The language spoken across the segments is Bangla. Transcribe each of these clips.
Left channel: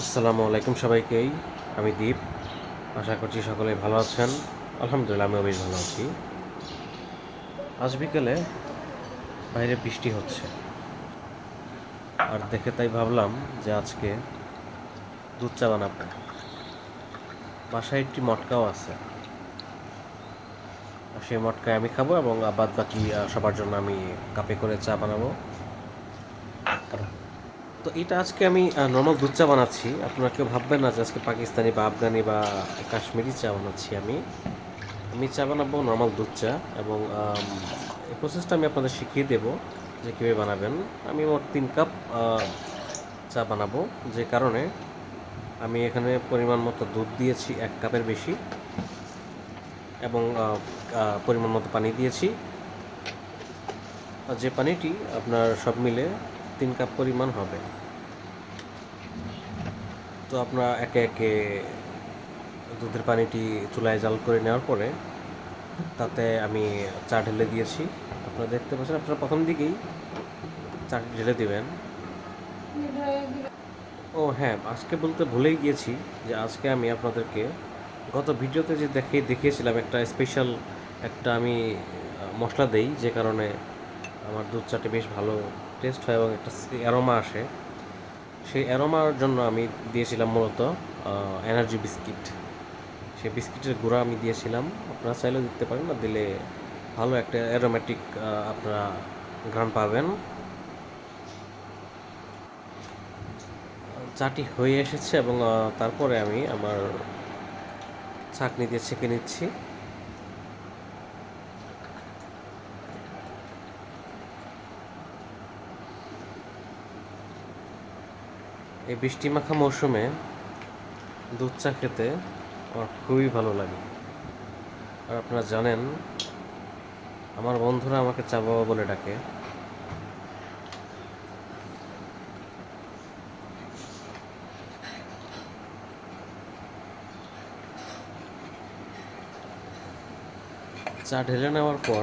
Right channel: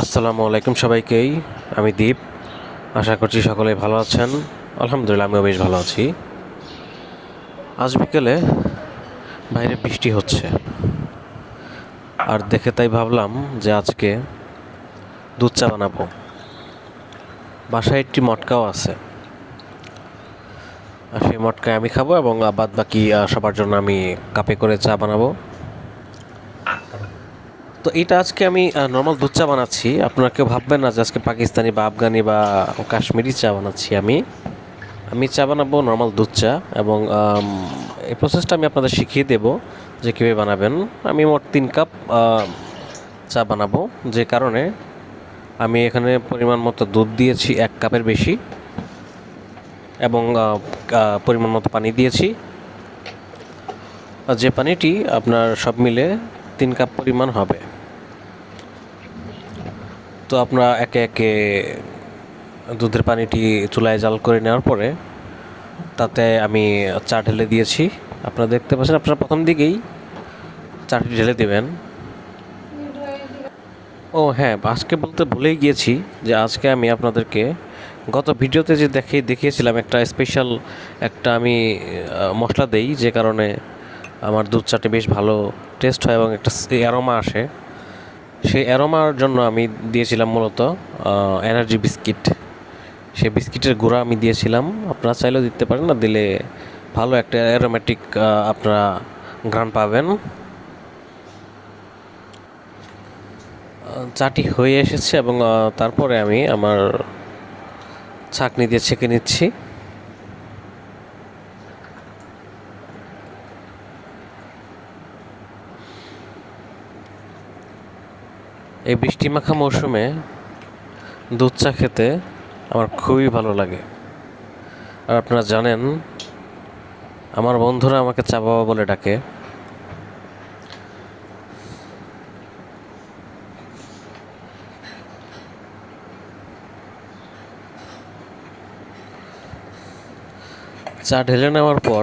আসসালামু আলাইকুম সবাইকেই। আমি দীপ। আশা করছি সকলেই ভালো আছেন। আলহামদুলিল্লাহ আমিও বেশ ভালো আছি। আজ বিকেলে বাইরে বৃষ্টি হচ্ছে, আর দেখে তাই ভাবলাম যে আজকে দুধ চা বানাবো। বাসায় একটি মটকাও আছে, আর সেই মটকায় আমি খাবো এবং বাদ বাকি সবার জন্য আমি কাপে করে চা বানাবো। তো এটা আজকে আমি নর্মাল দুধ চা বানাচ্ছি। আপনারা কেউ ভাববেন না যে আজকে পাকিস্তানি বা আফগানি বা কাশ্মীরি চা বানাচ্ছি। আমি চা বানাবো নর্মাল দুধ চা, এবং এই প্রসেসটা আমি আপনাদের শিখিয়ে দেব যে কীভাবে বানাবেন। আমি মোট 3 কাপ চা বানাবো, যে কারণে আমি এখানে পরিমাণ মতো দুধ দিয়েছি 1 কাপের বেশি, এবং পরিমাণ মতো পানি দিয়েছি। যে পানিটি আপনার সব মিলে 3 কাপ পরিমাণ হবে। তো আপনারা একে একে দুধের পানিটি চুলায় জাল করে নেওয়ার পরে তাতে আমি চা ঢেলে দিয়েছি। আপনারা দেখতে পাচ্ছেন, আপনারা প্রথম দিকেই চাটি ঢেলে দেবেন। ও হ্যাঁ, আজকে বলতে ভুলেই গিয়েছি যে আজকে আমি আপনাদেরকে গত ভিডিওতে যে দেখিয়েছিলাম একটা স্পেশাল একটা আমি মশলা দেই, যে কারণে আমার দুধ চাটি বেশ ভালো টেস্ট হয় এবং একটা অ্যারোমা আসে। সেই অ্যারোমার জন্য আমি দিয়েছিলাম মূলত এনার্জি বিস্কিট। সেই বিস্কিটের গুঁড়া আমি দিয়েছিলাম। আপনারা চাইলেও দিতে পারেন, না দিলে ভালো একটা অ্যারোমেটিক আপনারা ঘ্রাণ পাবেন। চাটি হয়ে এসেছে, এবং তারপরে আমি আমার ছাঁকনি দিয়ে ছেঁকে নিচ্ছি। এই বৃষ্টি মাখা মৌসুমে দুধ চা খেতে আমার খুবই ভালো লাগে। আর আপনারা জানেন, আমার বন্ধুরা আমাকে চা বাবা বলে ডাকে। চা ঢেলে নেওয়ার পর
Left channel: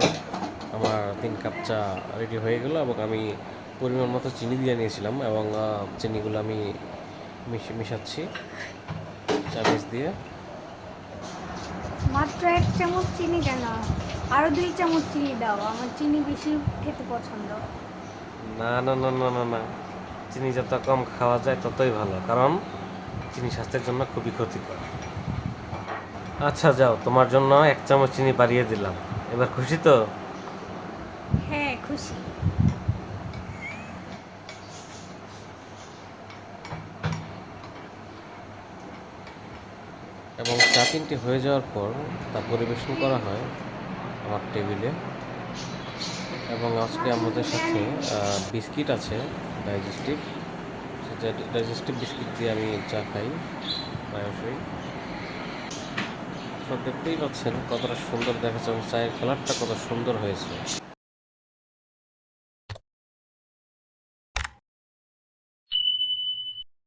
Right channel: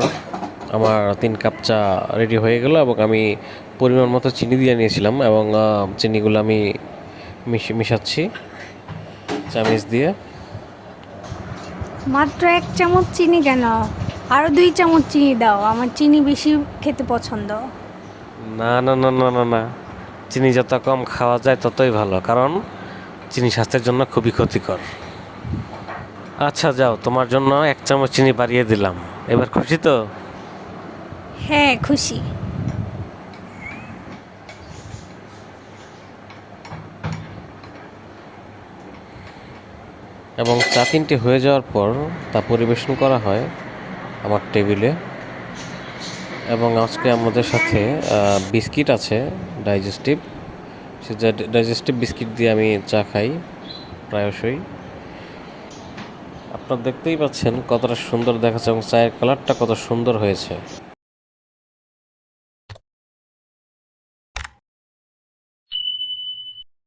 আমার 3 কাপ চা রেডি হয়ে গেল, এবং আমি পরিমাণ মতো চিনি দিয়ে নিয়েছিলাম, এবং চিনিগুলো আমি মিশাচ্ছি চামিচ দিয়ে। মাত্র 1 চামচ চিনি কেন? আরো 2 চামচ চিনি দাও, আমার চিনি বেশি খেতে পছন্দ। না না না না না না, চিনি যত কম খাওয়া যায় ততই ভালো, কারণ চিনি স্বাস্থ্যের জন্য খুবই ক্ষতিকর। আচ্ছা যাও, তোমার জন্য 1 চামচ চিনি বাড়িয়ে দিলাম। এবার খুশি তো? হ্যাঁ, খুশি। এবং চা 3টে হয়ে যাওয়ার পর তা পরিবেশন করা হয় আমার টেবিলে। এবং আজকে আমাদের সাথে বিস্কিট আছে, ডাইজেস্টিভ। সে ডাইজেস্টিভ বিস্কিট দিয়ে আমি চা খাই প্রায়শই। আপনারা দেখতেই পাচ্ছেন কতটা সুন্দর দেখাচ্ছে, এবং চায়ের কালারটা কত সুন্দর হয়েছে।